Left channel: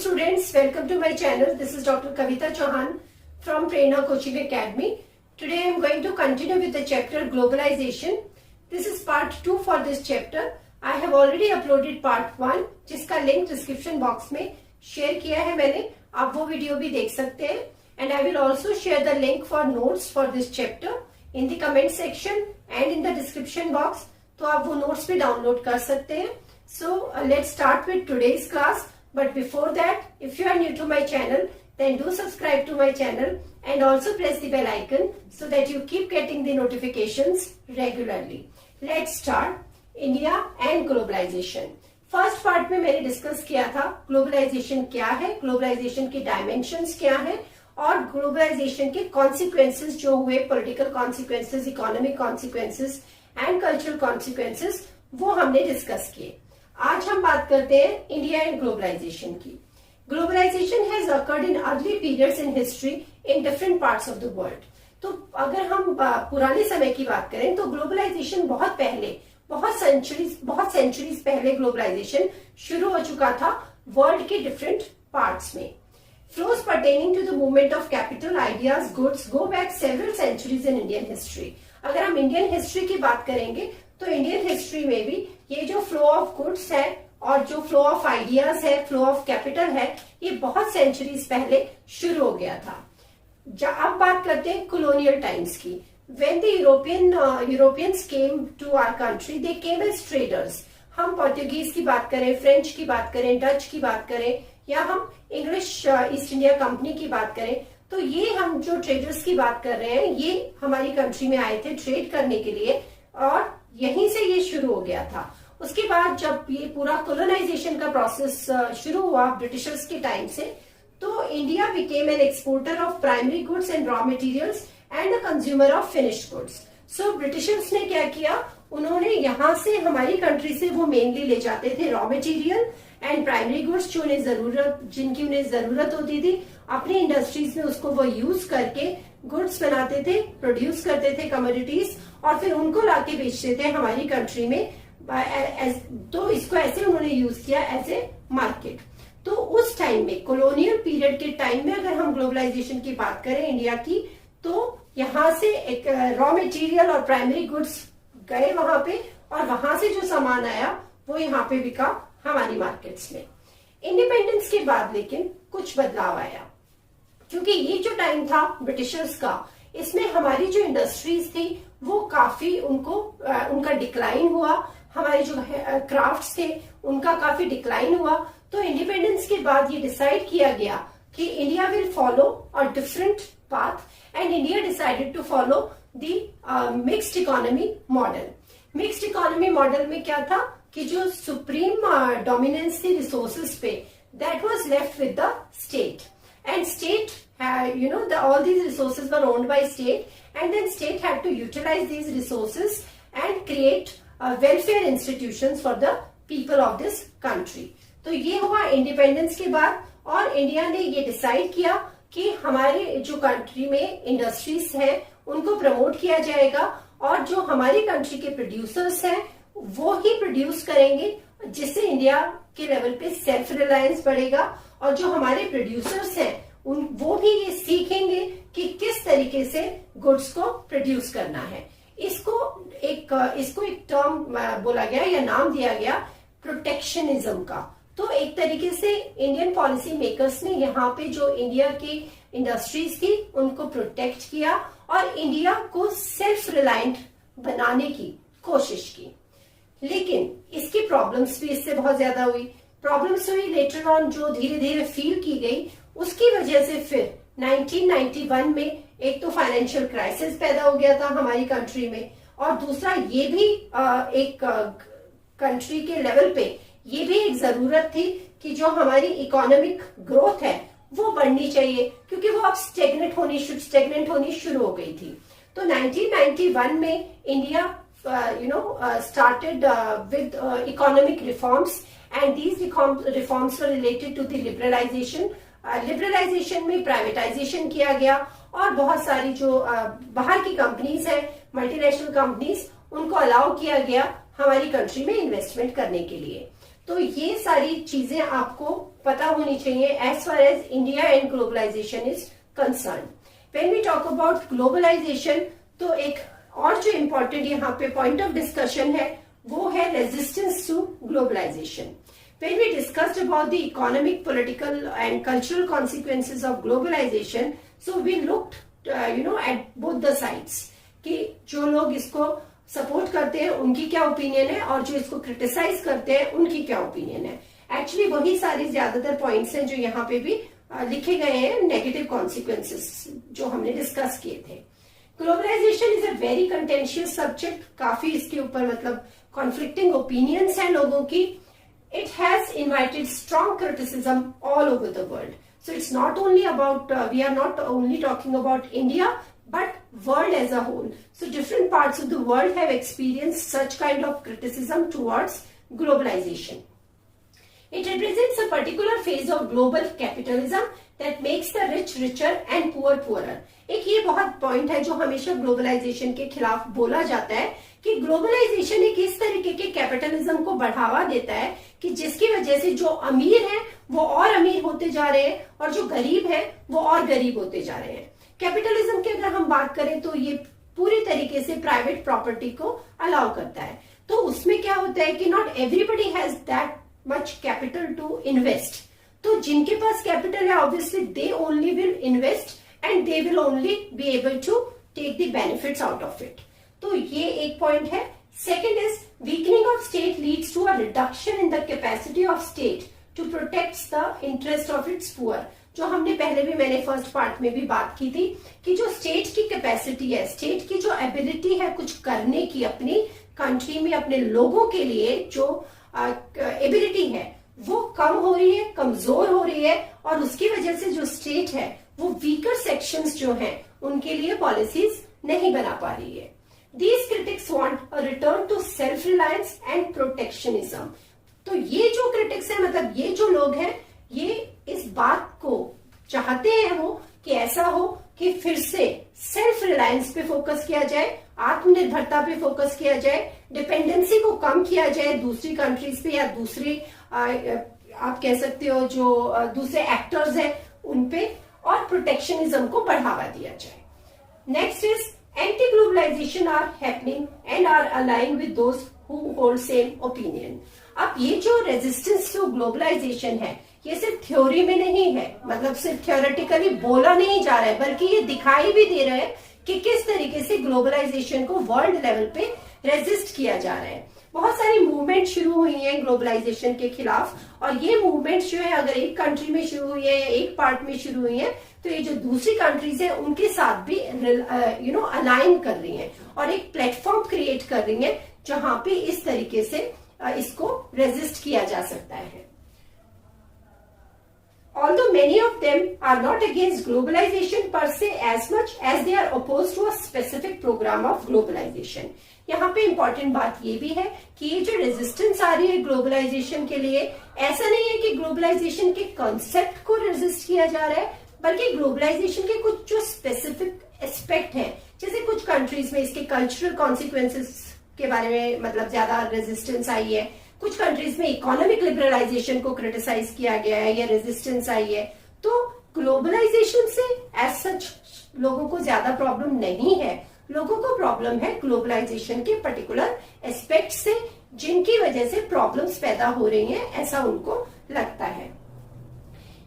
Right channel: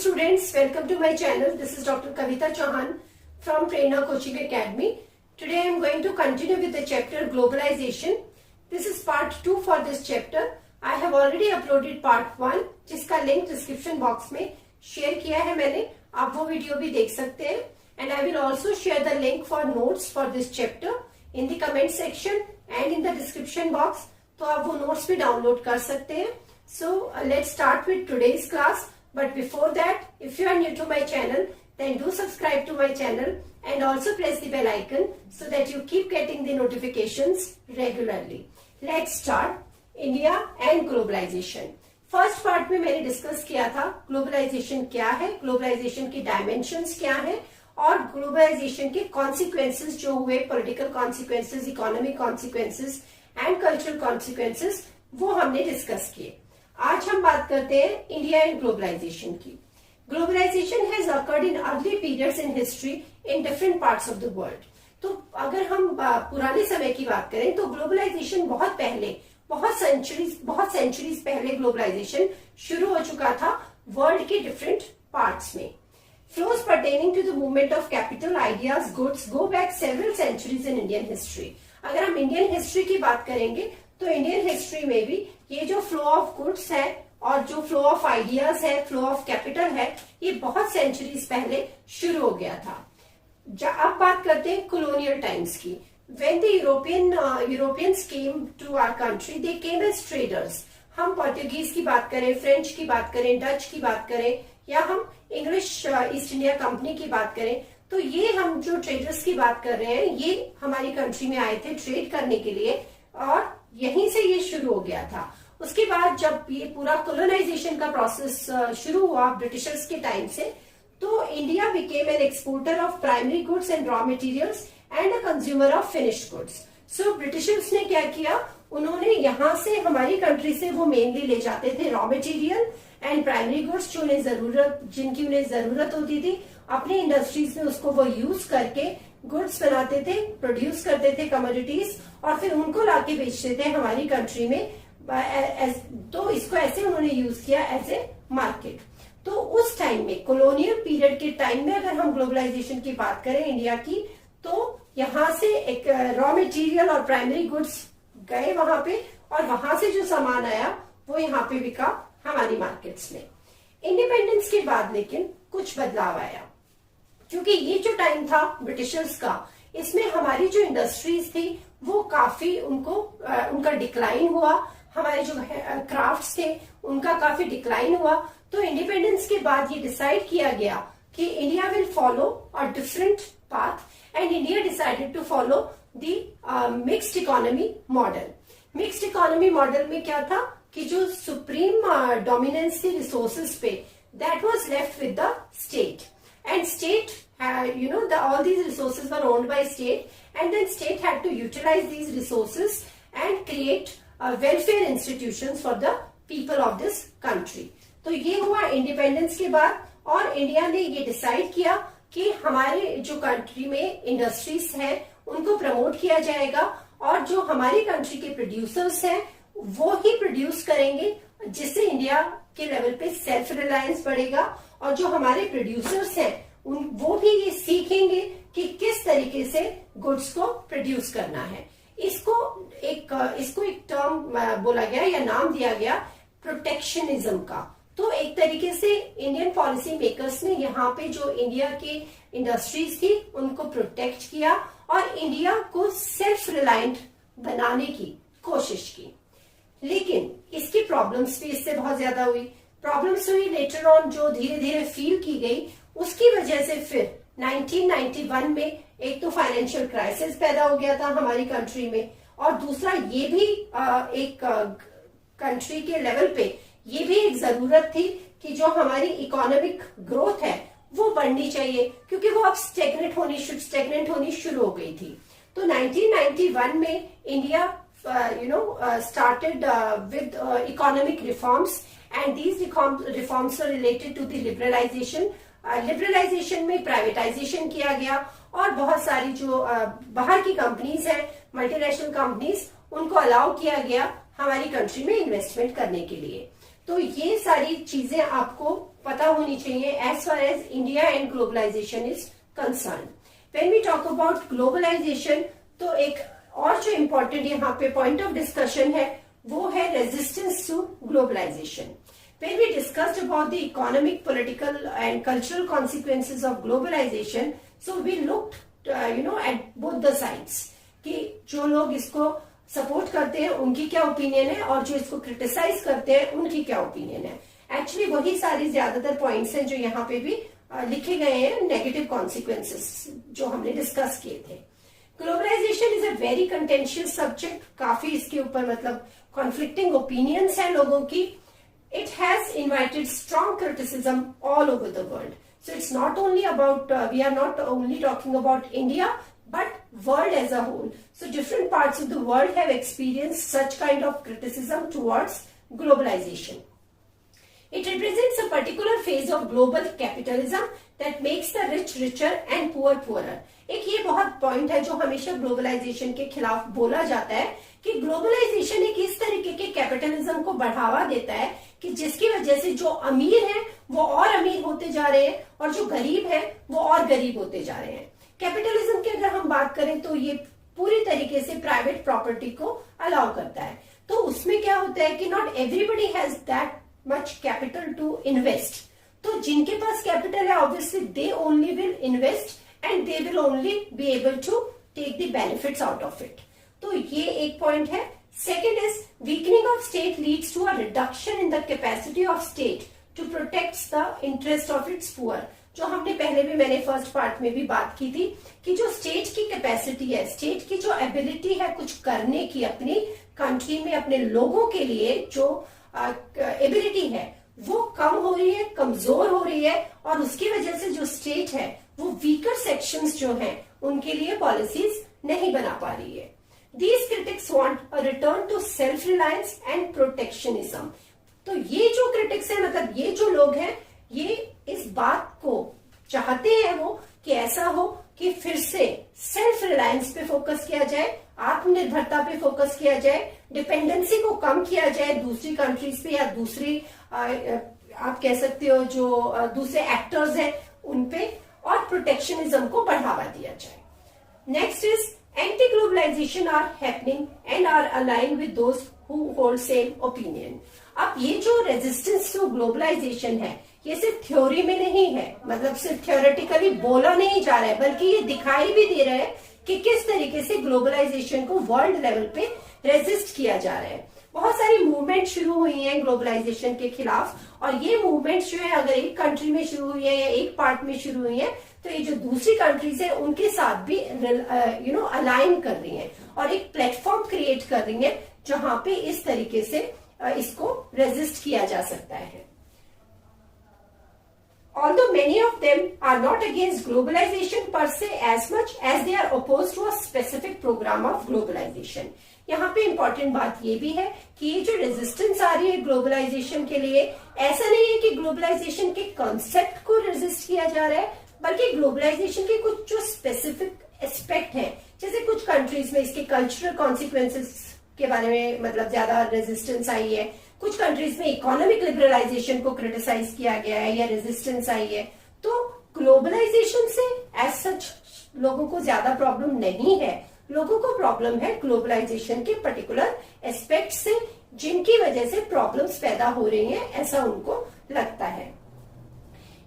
students, welcome to my channel. This is Dr. Kavita Chauhan from Prerna Coaching Academy. Today I am going to continue with the chapter Globalization. This is part 2 for this chapter. I have already uploaded part 1 जिसका link description box में share किया है मैंने. आप वो video भी देख सकते हैं. And I will also share the link for notes for this chapter in the comment section and in the description box. तो आप वो notes भी download कर सकते हैं. So let's start with today's class. But before that, if you are new to my channel, then do subscribe to my channel and also press the bell icon so that you keep getting the notifications regularly. Let's start India and globalization. First part में मैंने discuss किया था globalisation क्या है, globalisation की dimensions क्या है और ग्लोबलाइजेशन के कॉन्सिक्वेंसेस जो हुए, political consequences, economic consequences and cultural consequences, वो हमने डिस्कस किए. आज हम बात करते हैं इंडिया एंड ग्लोबलाइजेशन की. Globalization has occurred in early periods in history in different parts of the world. तो अगर हम पुराने समय की बात करें तो ग्लोबलाइजेशन बहुत पहले, बहुत सेंचुरीज पहले ग्लोबलाइजेशन शुरू हो चुका था वर्ल्ड के डिफरेंट पार्ट्स में. Flows pertaining to the movement of capital, ideas, goods go back several centuries in Indian history. अगर हम इंडियन हिस्ट्री की बात करेंगे तो इंडियन हिस्ट्री में भी ये जो फ्लो ऑफ गुड्स है और जो फ्लो ऑफ आइडियाज है, फ्लो ऑफ कैपिटल है, ये बहुत सेंचुरीज पहले शुरू हो गया था. अब बात करते हैं colonial टाइम्स की. When the Europeans came to our country, they came as traders. हम पोर्तुगीज की बात करें, फ्रेंच की बात करें, डच की बात करें या हम इंग्लिश ईस्ट इंडिया कंपनी की बात करें, तो ये हम जो ट्रेडर्स की बात कर रहे हैं ये हमारी कंट्री में आए थे ट्रेड करने के लिए और यहीं से ये शुरू हो गया था. उसके बाद जब ये पूरा कोलोनाइजेशन का प्रोसेस शुरू हुआ ब्रिटिशर्स के टाइम से, तो India became an exporter of primary goods and raw materials and a consumer of finished goods. So Britishers ने क्या किया, उन्होंने यहाँ से हमारी कंट्री से वो मेनली ले जाते थे raw material and primary goods जिनकी उन्हें जरूरत होती थी. अपनी इंडस्ट्रीज में उसको वो यूज करके गुड्स बनाते थे, प्रोड्यूस करते थे कमोडिटीज और फिर उनको लाके बेचते थे हमारी कंट्री में. तो इसको ऐसे उन्होंने यूज किया एज ए मार्केट. तो उस टाइम में, कॉलोनियल पीरियड के टाइम में अगर हम ग्लोबलाइजेशन की बात करें इंडिया की, तो यहाँ से एक रॉ मटेरियल और प्राइमरी गुड्स गए वहां पे और वहां से जो सामान आया वो यहाँ पे बिका हमारी मार्केट्स में. इंडिपेंडेंस के बाद लेकिन कुछ बदलाव आया, क्योंकि ये जो टाइम था ब्रिटिशर्स का, इसमें हमारी जो इंडस्ट्रीज थी वो काफी उनका डिक्लाइन हुआ. हमारे जो क्राफ्ट्स थे उनका काफी डिक्लाइन हुआ. तो इंडिपेंडेंस के बाद ये डिसाइड किया गया कि India will follow a different path and India decided to follow the mixed economy model. Mixed economy model में क्या था कि जो सुप्रीम डोमिनेंस थी रिसोर्सेज पे, that was left with the state. And state, all these resources were owned by state, and then state had to utilize these resources and create welfare institutions for the people of this country. तो ये हुआ independence के बाद और India ने ये decide किया कि हमारे जो कंट्री में इंडस्ट्रीज है उनको प्रमोट किया जाएगा और जो हमारी कंट्री के प्रोड्यूसर्स हैं वो ही प्रोड्यूस करेंगे, जिससे इंडिया के लेवल पे सेल्फ रिलायंस बढ़ेगा और जो हमारे प्रोड्यूसर्स हैं वो भी ये सीखेंगे कि किस तरीके से गुड्स को प्रोड्यूस करना है. इसको एक टर्म बोला गया या नाम दिया गया प्रोटेक्शनिज्म का. तो एक तरीके से इंडियन पॉलिसी मेकर्स ने यहाँ पे जो इंडिया की इंडस्ट्रीज थी उनको प्रोटेक्ट किया और इंडिया को सेल्फ रिलायंट बनाने की कोशिश की. लेकिन इसकी प्रॉब्लम्स भी इससे बहुत ज्यादा हुई. प्रॉब्लम्स हुई लेटर ऑन, जो धीरे धीरे फील की गई. उसकी वजह से फिर 1991 में एक तो फाइनेंशियल क्राइसिस पैदा हो गया था हमारी कंट्री में और दूसरा ये भी एक कंट्री के लेवल पे ये भी एक जरूरत थी कि जो हमारी इकोनॉमिक ग्रोथ है वो बढ़नी चाहिए, क्योंकि वो अब स्टेगनेंट होनी शुरू हो गई थी. तो 1991 में India started with economic reforms, and these reforms were related to the liberalization. Liberalization में प्राइवेटाइजेशन किया गया और बहुत सारी जो बाहर की कंपनीज हैं, मल्टीनेशनल कंपनीज, उनको अलाउ किया गया हमारी कंट्री में इन्वेस्टमेंट करने के लिए. तो ये सारी चीजें आपको पता होनी चाहिए as far as India and globalization is concern. When we talk about globalization, तो एक और जो इम्पोर्टेंट यहाँ पे पॉइंट ऑफ डिस्कशन है वो है resistance to globalization. When we discussed about the economic, political and cultural consequences of globalization, so we looked, at both the sides कि जो लोग इसको सपोर्ट करते हैं उनकी क्या ओपिनियन है और जो इसको क्रिटिसाइज करते हैं उनकी क्या ओपिनियन है। एक्चुअली वही सारी ज्यादातर पॉइंट्स हैं जो यहाँ पे भी लिखे गए हैं, नेगेटिव कॉन्सिक्वेंसेस जो हमने डिस्कस किए थे। Globalization is a very contentious subject, काफी इसके ऊपर मतलब कॉन्फ्लिक्टिंग ओपिनियंस हैं लोगों की। It has invited strong criticism all over the world. So it's not only about, we are not only talking about India, but world as a whole. So different parts of the world have experienced such kind of criticism towards globalization. It represents a particular phase of global capitalism that makes the rich richer and poor poorer. एक ये बहुत point है जो हमेशा globalisation के खिलाफ बोला जाता है कि ग्लोबलाइजेशन एक इस तरीके के कैपिटलिज्म को बढ़ावा देता है कि जिसकी वजह से जो अमीर हैं वो और अमीर होते जा रहे हैं और जो गरीब है वो और गरीब होते जा रहे हैं। कैपिटलिज्म की अगर हम बात करें तो ये पूरी तरीके से प्राइवेट प्रॉपर्टी को अलाउ करता है। तो उसमें क्या होता है कि not everybody has that much capital to invest. तो जिनके पास कैपिटल है obviously they only will invest and they will only be able to take the benefits out of it. तो ये एक पॉइंट है। Second is weakening of state leads to a reduction in the capacity of state to protect the interest of its poor. जो हमने पहले भी, मैंने first part में भी बात की थी कि जो स्टेट की कैपेसिटी है, स्टेट की जो एबिलिटी है कुछ करने की अपनी कंट्री में अपने लोगों के लिए, जो एबिलिटी है वो कम हो रही है, कमजोर हो रही है और उसकी वजह से जो स्टेट है वो वीकर सेक्शंस जो हैं उनके लिए पॉलिसीज नहीं बना पा रही है। These critics want a return to self-reliance and protectionism. तो ये जो critics है, मतलब ये जो लोग हैं, ये इस बात को चाहते हैं वो कि ऐसा हो कि फिर से सेल्फ रिलायंस पे फोकस किया जाए, आत्मनिर्भरता पे फोकस किया जाए, डिपेंडेंसी को कम किया जाए दूसरी कंट्रीज पे या दूसरी आप कह सकते हो जो दूसरे एक्टर्स हैं उन पे, और प्रोटेक्शनिज्म को बढ़ावा दिया जाए। Next is anti-globalization are happening and are aligned with those who hold same opinion. अब ये जो रेजिस्टेंस टू ग्लोबलाइजेशन है ये सिर्फ थ्योरी में नहीं है, मतलब सिर्फ थ्योरेटिकली बोला नहीं जा रहा है, बल्कि ये दिखाई भी दे रहा है कि किस तरीके से ग्लोबलाइजेशन को वर्ल्ड लेवल पे रेजिस्ट किया जा रहा है। बहुत सारी मूवमेंट शुरू हुई हैं ग्लोबलाइजेशन के खिलाफ, और ये मूवमेंट जो है अगर एक कंट्री में शुरू हुई है या एक पार्ट में शुरू हुई है तो ये जो दूसरी कंट्रीज है उनके साथ भी अलाइन कर रही हैं और एक प्लेटफॉर्म क्रिएट कर रही हैं जहां पे इस तरीके से इसको रेजिस्ट किया जा सकता है। Although many of them are not against globalization per se as much as they are opposed to a specific program of globalization. यहाँ पे इंपॉर्टेंट बात ये भी है कि ये जो रेजिस्टेंस आ रही है ग्लोबलाइजेशन के लिए, ऐसा नहीं है कि ग्लोबलाइजेशन के कॉन्सेप्ट को रेजिस्ट किया जा रहा है, बल्कि ग्लोबलाइजेशन के कुछ जो स्पेसिफिक एस्पेक्ट हैं, जैसे कुछ कंट्रीज में इसके कल्चरल कॉन्सिक्वेंसेस के बारे में मतलब ज्यादा रेजिस्टेंस आई है, कुछ कंट्रीज में इकोनॉमिक लिबरलाइजेशन को क्रिटिसाइज किया गया है या रेजिस्टेंस आई है। तो ग्लोबलाइजेशन से एज सच लोगों को ज्यादा प्रॉब्लम नहीं है, लोगों को प्रॉब्लम है ग्लोबलाइजेशन के पर्टिकुलर एस्पेक्ट से, जिनकी वजह से प्रॉब्लम्स पैदा हो रही हैं, ऐसा उनको लगता है।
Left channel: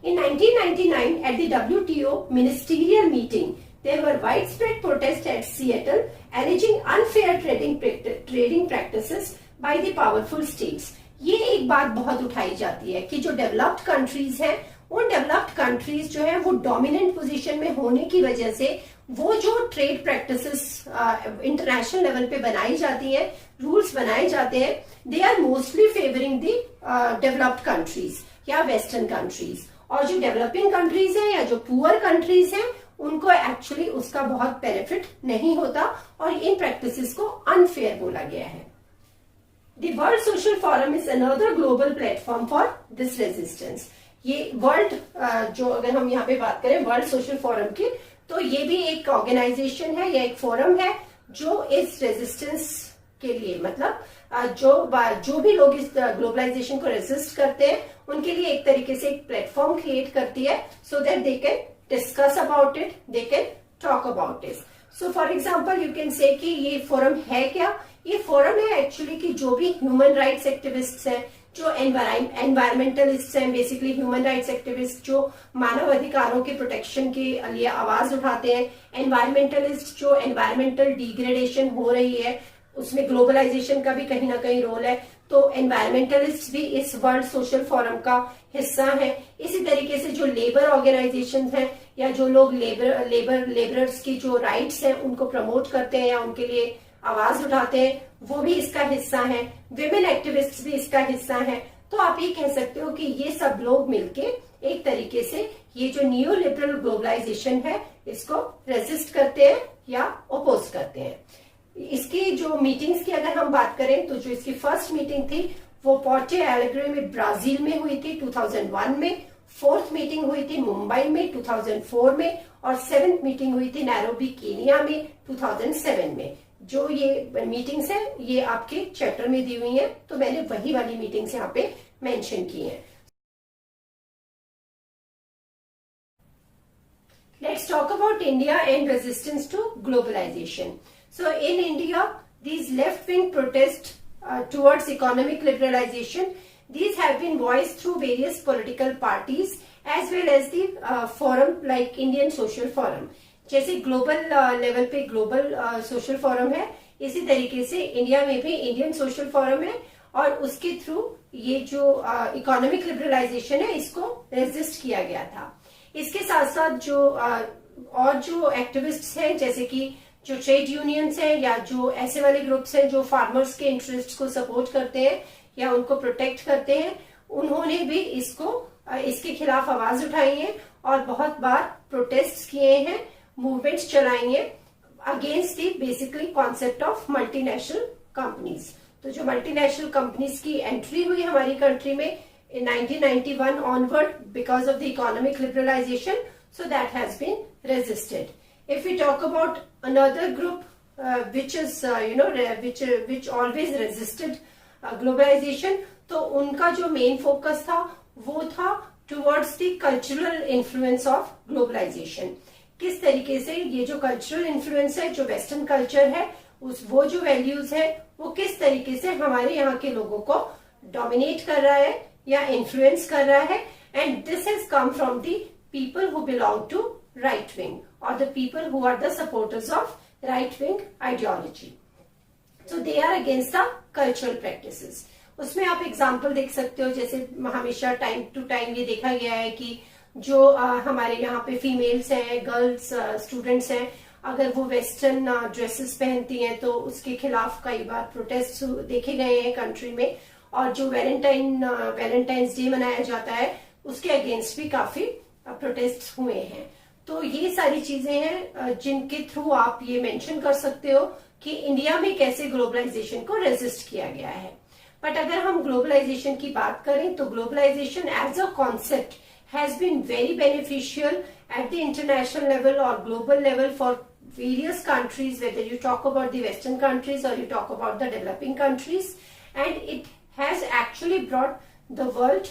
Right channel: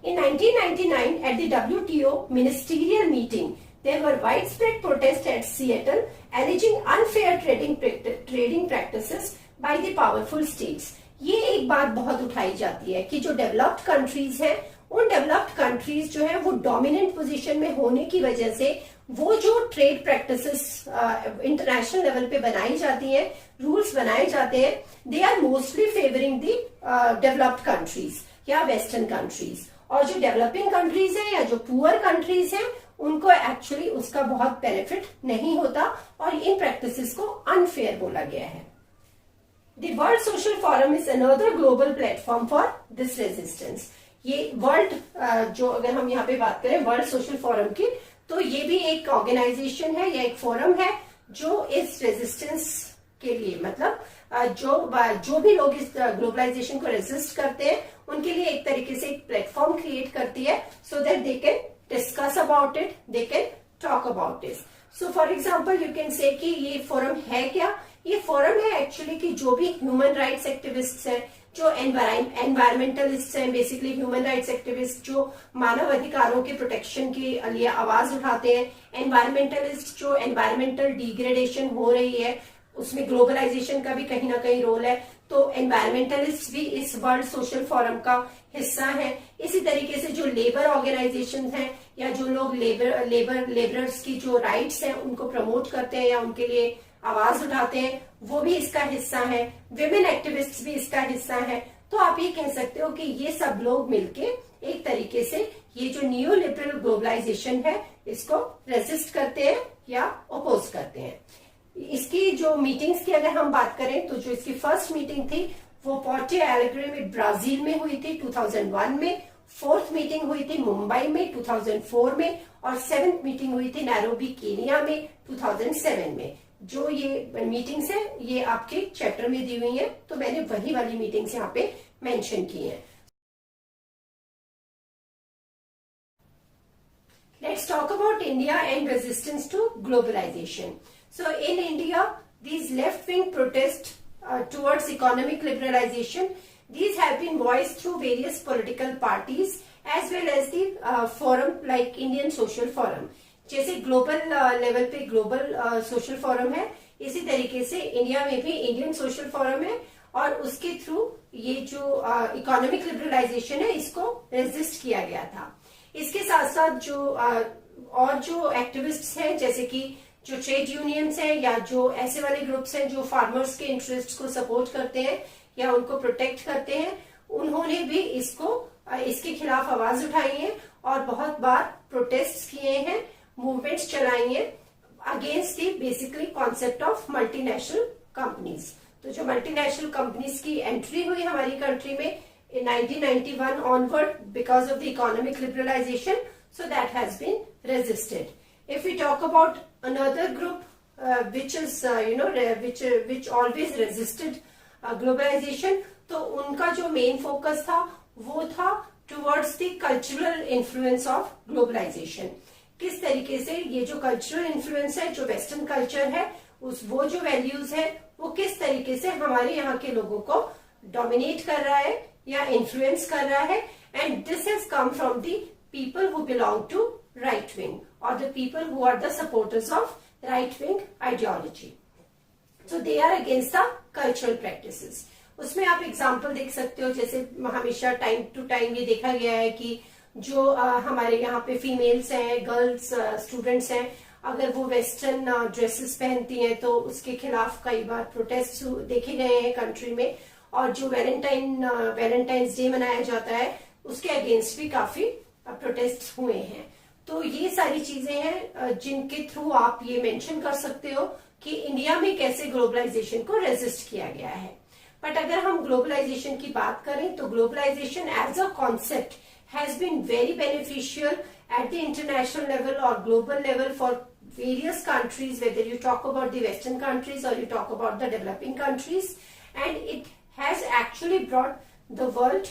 In 1999, at the WTO ministerial meeting, there were widespread protests at Seattle alleging unfair trading practices by the powerful states. ये एक बात बहुत उठाई जाती है कि जो डेवलप्ड कंट्रीज हैं, उन डेवलप्ड कंट्रीज जो है वो डोमिनेंट पोजीशन में होने की वजह से वो जो ट्रेड प्रैक्टिसेस इंटरनेशनल लेवल पे बनाई जाती हैं, रूल्स बनाए जाते हैं, they are mostly favouring the developed countries या वेस्टर्न कंट्रीज, और जो डेवलपिंग कंट्रीज हैं या जो पुअर कंट्रीज हैं उनको एक्चुअली उसका बहुत बेनिफिट नहीं होता और इन प्रैक्टिसेस को अनफेयर बोला गया है। The World Social Forum is another global platform for this resistance. ये वर्ल्ड जो अगर हम यहाँ पे बात करें वर्ल्ड सोशल फोरम की, तो ये भी एक ऑर्गेनाइजेशन है या एक फोरम है जो इस रेजिस्टेंस के लिए मतलब जो भी लोग इस ग्लोबलाइजेशन को रेजिस्ट करते हैं उनके लिए एक तरीके से एक प्लेटफॉर्म क्रिएट करती है, so that they can discuss about it, they can talk about it. So for example you can say कि ये फोरम है क्या. ये फोरम है एक्चुअली कि जो भी ह्यूमन राइट्स एक्टिविस्ट हैं, जो एनवायरमेंटलिस्ट हैं, बेसिकली ह्यूमन राइट्स एक्टिविस्ट जो मानव अधिकारों के प्रोटेक्शन के लिए आवाज उठाते हैं, एनवायरमेंटलिस्ट जो एनवायरमेंटल डिग्रेडेशन हो रही है उसमें ग्लोबलाइजेशन का भी कहीं ना कहीं रोल है, तो एनवायरमेंटलिस्ट भी इस वर्ल्ड सोशल फोरम का हिस्सा है. इसी तरीके से जो लेबर ऑर्गेनाइजेशन हैं या जो लोग लेबरर्स की जो राइट्स हैं उनको प्रमोट करते हैं या उनके लिए आवाज उठाते हैं, वो भी इसका हिस्सा है. विमेन एक्टिविस्ट भी इसका हिस्सा है. तो आप ये कह सकते हो कि ये सब लोग मिलके एक तरीके से ये जो नियो लिबरल ग्लोबलाइजेशन है इसको रेजिस्ट करते हैं या ओपोज करते हैं. इसकी जो मीटिंग्स की अगर हम बात करें तो जो इसकी फर्स्ट मीटिंग थी वो पोर्टो एलेग्रे में ब्राजील में हुई थी 2001 में. फोर्थ मीटिंग हुई थी मुंबई में 2004 में और सेवेंथ मीटिंग हुई थी नैरोबी केनिया में 2007 में. जो ये मीटिंग्स है ये आपके चैप्टर में दी हुई है, तो मैंने वही वाली मीटिंग्स यहाँ पे मेंशन की हैं. Let's talk about India and resistance to globalization. So in India, these left-wing protests towards economic liberalization, these have been voiced through various political parties as well as the forum like Indian Social Forum. जैसे global level पे global social forum है, इसी तरीके से India में भी Indian social forum है और उसके थ्रू ये जो इकोनॉमिक लिबरलाइजेशन है इसको रेजिस्ट किया गया था. इसके साथ साथ जो और जो एक्टिविस्ट्स हैं जैसे कि जो ट्रेड यूनियंस हैं या जो ऐसे वाले ग्रुप्स हैं जो फार्मर्स के इंटरेस्ट को सपोर्ट करते हैं या उनको प्रोटेक्ट करते हैं, उन्होंने भी इसके खिलाफ आवाज उठाई है और बहुत बार प्रोटेस्ट किए हैं, मूवमेंट्स चलाई हैं against the basically concept of multinational companies. तो जो मल्टीनेशनल कंपनीज की एंट्री हुई हमारी कंट्री में in 1991 onward because of the economic liberalization, so that has been resisted. If we talk about another group which is which always resisted globalization, तो उनका जो main focus था वो था towards the cultural influence of globalization. किस तरीके से ये जो cultural influence है, जो western culture है, वो जो values है वो किस तरीके से हमारे यहाँ के लोगों को dominate कर रहा है या इन्फ्लुएंस कर रहा है. And this has come from the people who belong to right wing और the people who are the supporters of right wing ideology. So they are against the cultural practices. उसमें आप एग्जांपल देख सकते हो, जैसे हमेशा टाइम टू टाइम ये देखा गया है कि जो हमारे यहाँ पे फीमेल्स हैं, गर्ल्स स्टूडेंट्स हैं, अगर वो वेस्टर्न ड्रेसेस पहनती हैं तो उसके खिलाफ कई बार प्रोटेस्ट देखे गए हैं कंट्री में. और जो वैलेंटाइंस डे मनाया जाता है उसके अगेंस्ट भी काफी प्रोटेस्ट हुए हैं. तो ये सारी चीजें हैं जिनके थ्रू आप ये मेंशन कर सकते हो कि इंडिया में कैसे ग्लोबलाइजेशन को रेजिस्ट किया गया है. बट अगर हम ग्लोबलाइजेशन की बात करें तो globalisation as a concept has been very beneficial at the international level और global level for various countries, whether you talk about the Western countries or you talk about the developing countries, and it has actually brought the world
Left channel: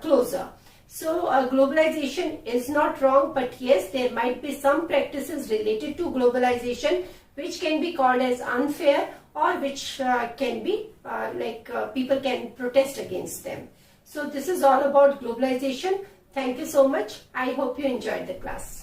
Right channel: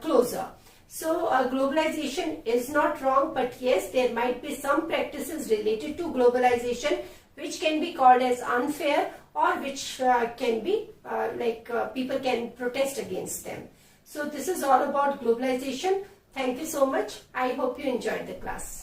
closer. So globalization is not wrong, but yes, there might be some practices related to globalization which can be called as unfair or which can be people can protest against them. So this is all about globalization. Thank you so much. I hope you enjoyed the class.